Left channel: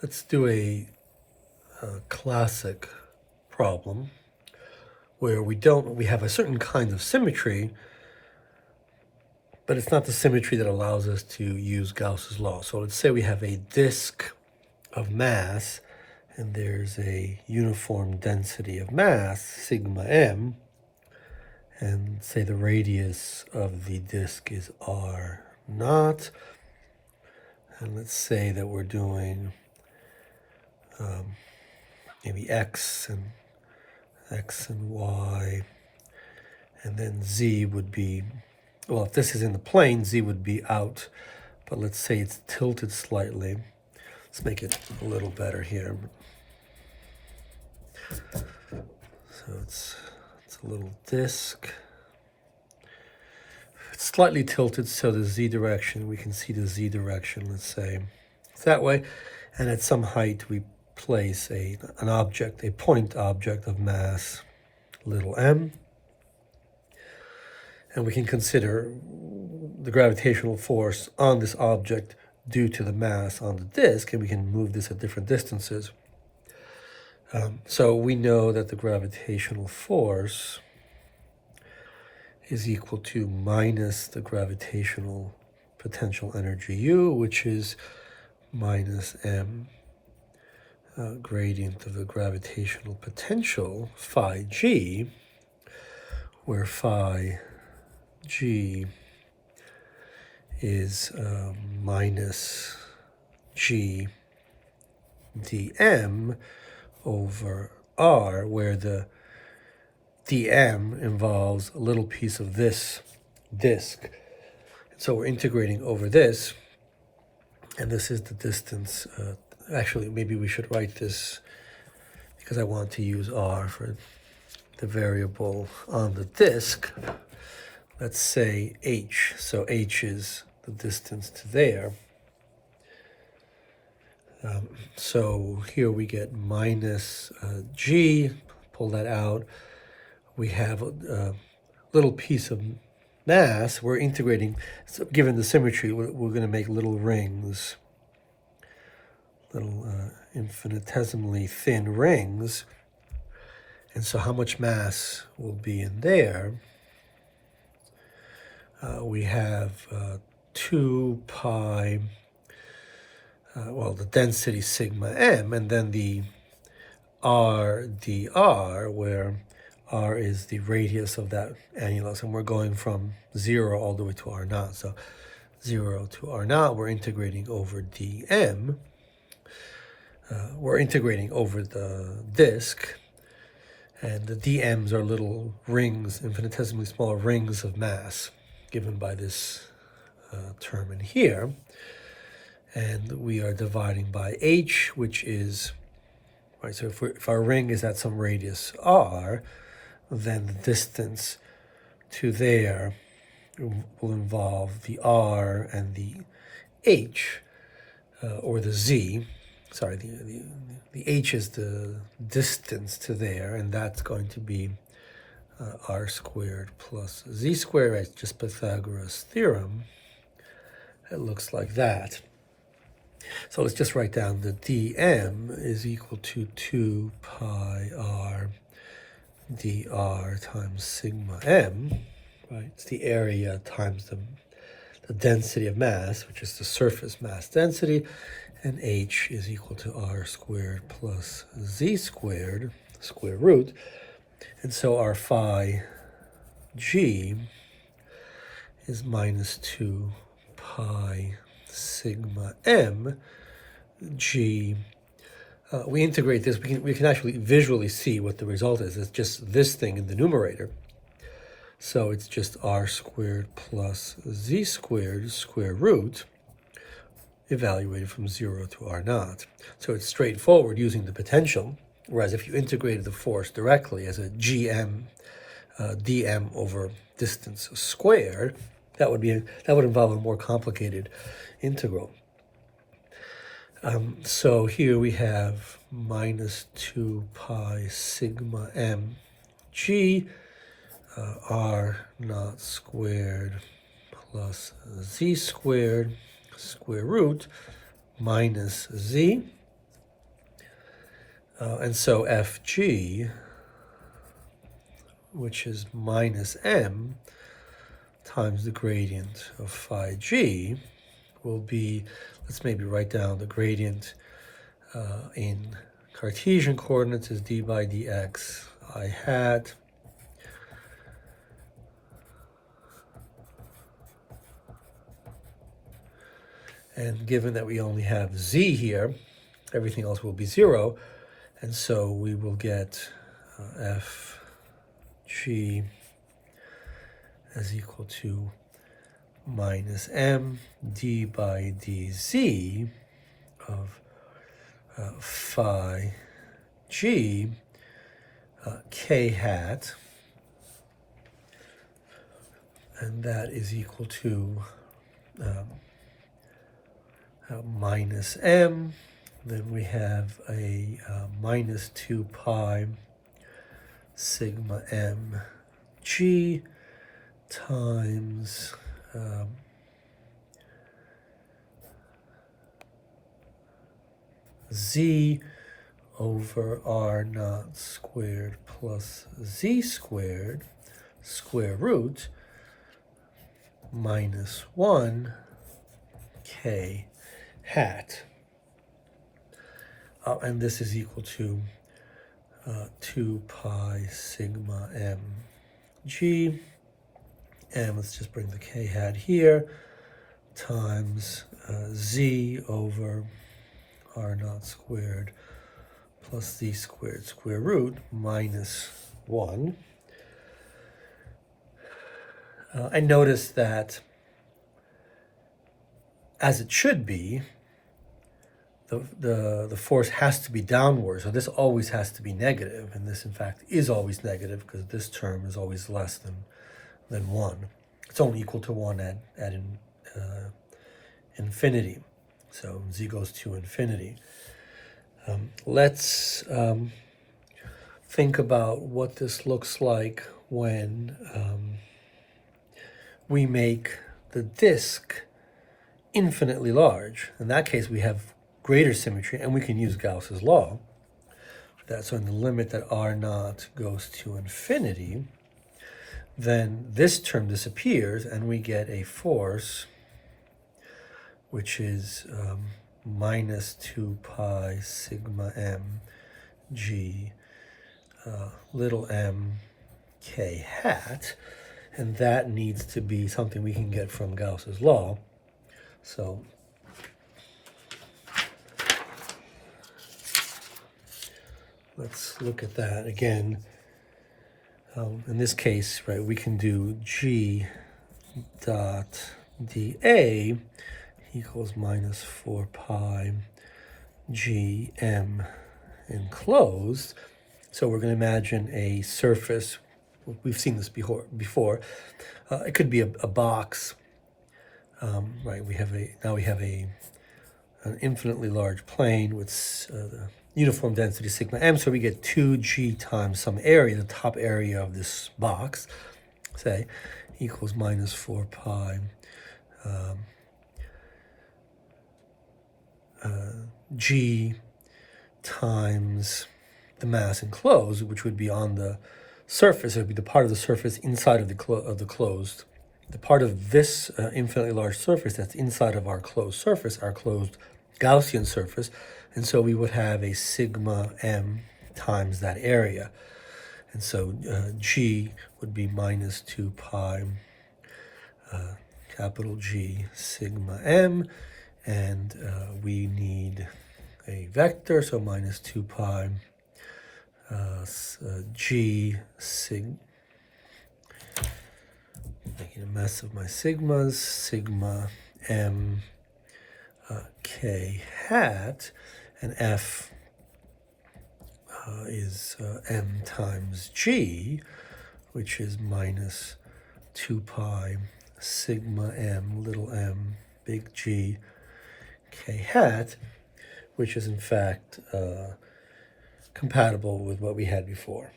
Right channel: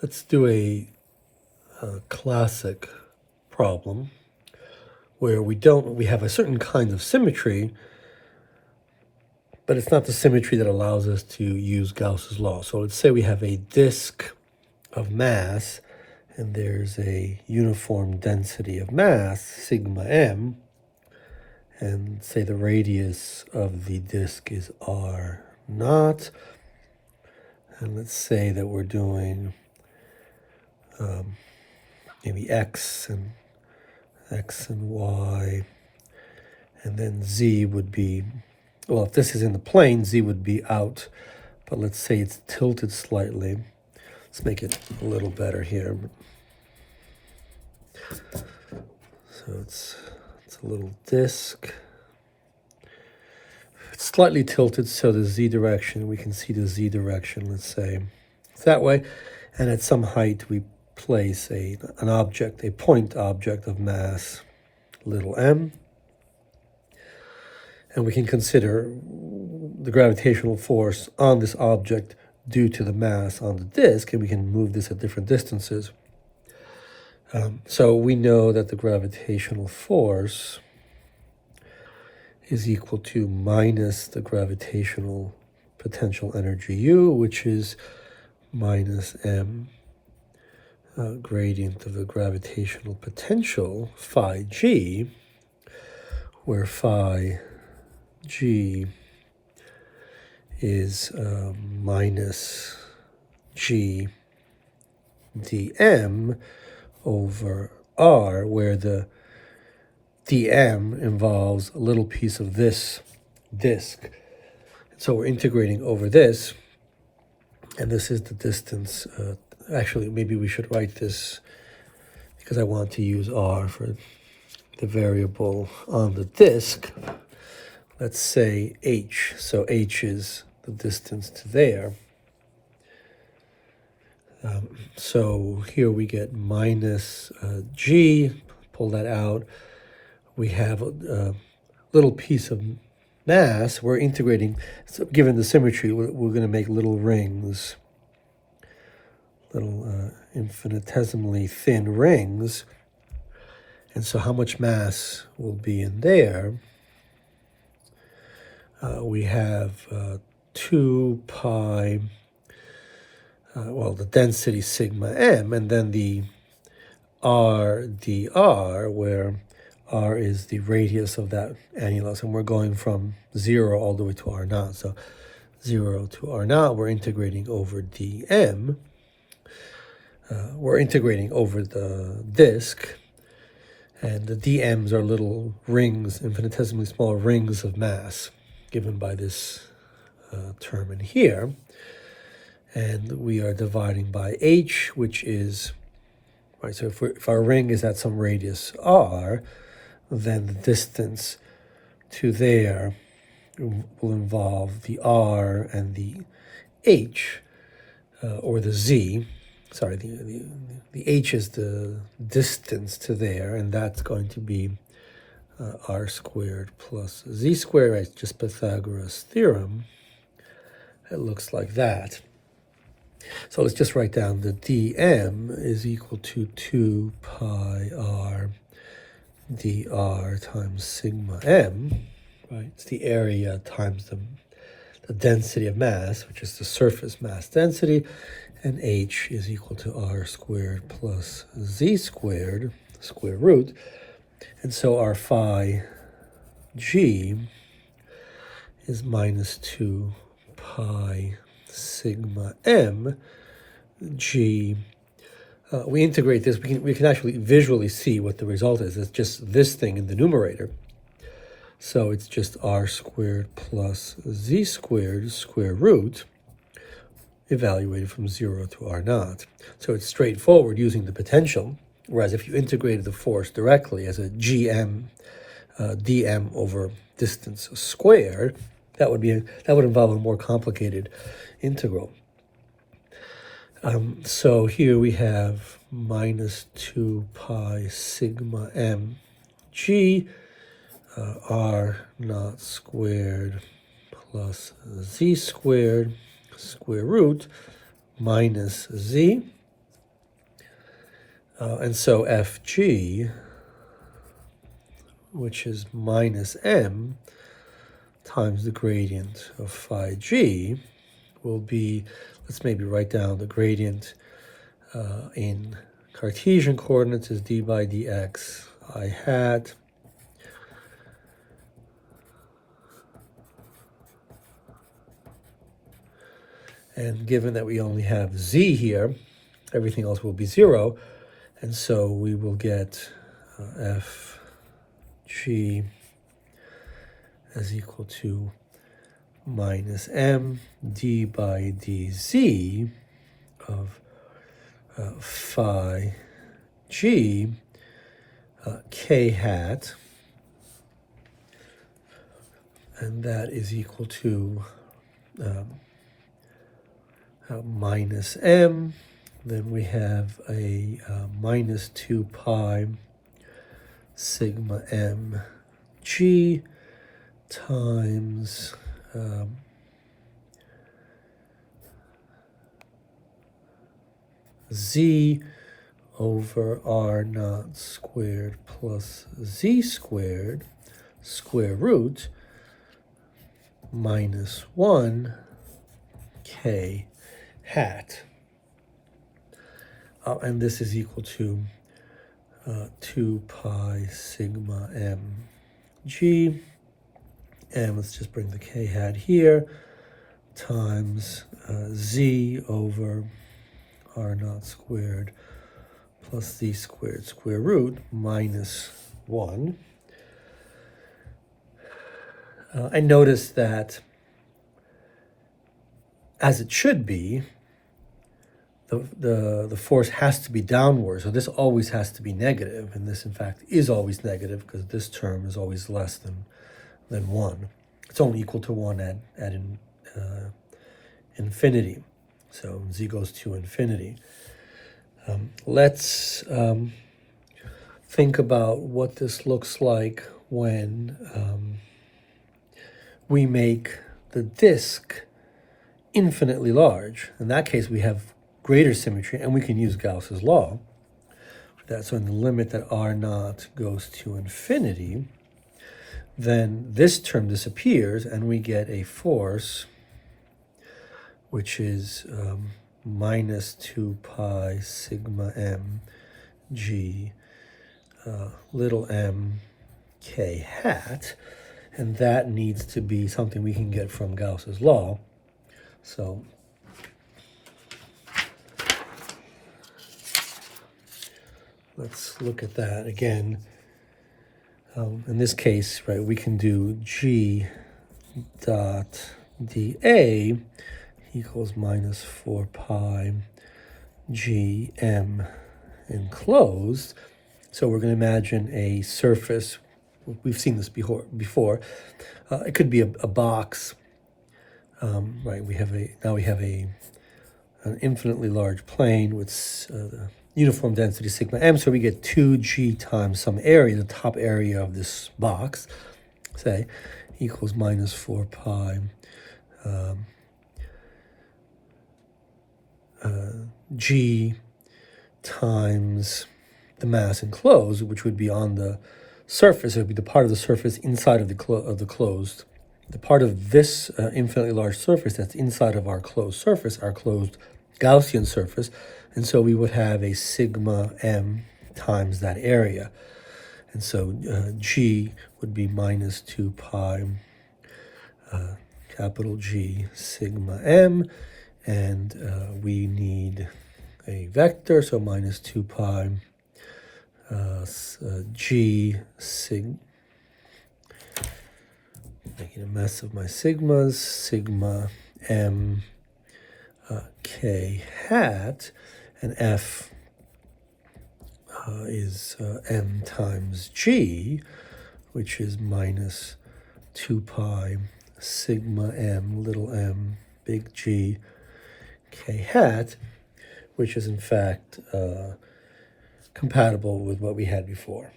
Let's do a classic problem where we have a certain kind of symmetry, but it's not the symmetry that allows us to use Gauss's law. So let's say we have a disk of mass, and there's a uniform density of mass, sigma m, and say the radius of the disk is r naught. And let's say that we're doing maybe x and y, and then z would be, well, if this is in the plane, z would be out, but let's say it's tilted slightly. Let's make it a little better here. So it's a little disk. It's slightly tilted, so the z direction, we can see the z direction, let's say. It's that way, and at some height we place an object, a point object of mass, little m, and we can consider the gravitational force on this object due to the mass on the disk, and we can move this at different distances. So we know that the gravitational force is equal to minus the gravitational potential energy U, which is minus m gradient of the gravitational potential phi g, where phi g is minus g dm over r, where the dm involves a little piece of this disk. So we're integrating over this, and this is the distance. Actually, maybe we should write this, because I want to use r for the variable on the disk. Let's say h. So h is the distance to there. So here we get minus g, pull that out. We have a little piece of mass. We're integrating, so given the symmetry, we're going to make little rings, little infinitesimally thin rings. And so how much mass will be in there? We have 2 pi, well, the density sigma m, and then the r dr, where r is the radius of that annulus, and we're going from 0 all the way to r naught. So 0 to r naught, we're integrating over dm. We're integrating over the disk, and the dm's are little rings, infinitesimally small rings of mass, given by this term in here. And we are dividing by h, which is, right, so if our ring is at some radius r, then the distance to there will involve the r and the h, or the z. Sorry, the h is the distance to there, and that's going to be r squared plus z squared. It's just Pythagoras' theorem. It looks like that. So let's just write down the dm is equal to 2 pi r dr times sigma m, right? It's the area times the density of mass, which is the surface mass density, and h is equal to r squared plus z squared, square root. And so our phi g is minus 2 pi sigma m g. We integrate this, we can actually visually see what the result is. It's just this thing in the numerator. So it's just r squared plus z squared square root, evaluated from 0 to r naught. So it's straightforward using the potential, whereas if you integrated the force directly as a gm dm over distance squared, that would involve a more complicated integral. So here we have minus 2 pi sigma m g r naught squared plus z squared square root minus z, And so fg, which is minus m times the gradient of phi g, will be, let's maybe write down the gradient in Cartesian coordinates is d by dx I hat and given that we only have z here, everything else will be 0, and so we will get fg is equal to minus m d by dz of phi g k hat, and that is equal to minus m, then we have a minus 2 pi sigma m g times z over r naught squared plus z squared square root minus 1 k hat. And this is equal to 2 pi sigma m g, and let's just bring the k hat here, times z over r naught squared plus z squared square root minus 1. And notice that, as it should be, the force has to be downward, so this always has to be negative, and this in fact is always negative because this term is always less than 1. It's only equal to 1 at infinity, so z goes to infinity. Let's think about what this looks like when we make the disk infinitely large. In that case, we have greater symmetry, and we can use Gauss's law. That's when the limit that r naught goes to infinity, then this term disappears, and we get a force which is minus 2 pi sigma m g little m k hat, and that needs to be something we can get from Gauss's law. So let's look at that again. In this case, right, we can do g dot dA equals minus 4 pi g m enclosed. So we're going to imagine a surface. We've seen this before. It could be a box. Right. We have an infinitely large plane with uniform density sigma m. So we get 2g times some area, the top area of this box, say, equals minus 4 pi g times the mass enclosed, which would be on the surface. It would be the part of the surface inside of the closed. The part of this infinitely large surface that's inside of our closed surface, our closed Gaussian surface, and so we would have a sigma m times that area. And so g would be minus 2 pi capital G sigma m, and we need a vector, so minus 2 pi g sigma, making a mess of my sigmas, sigma m k hat, and f is m times g, which is minus 2 pi sigma m little m big G k hat, which is in fact compatible with what we had before.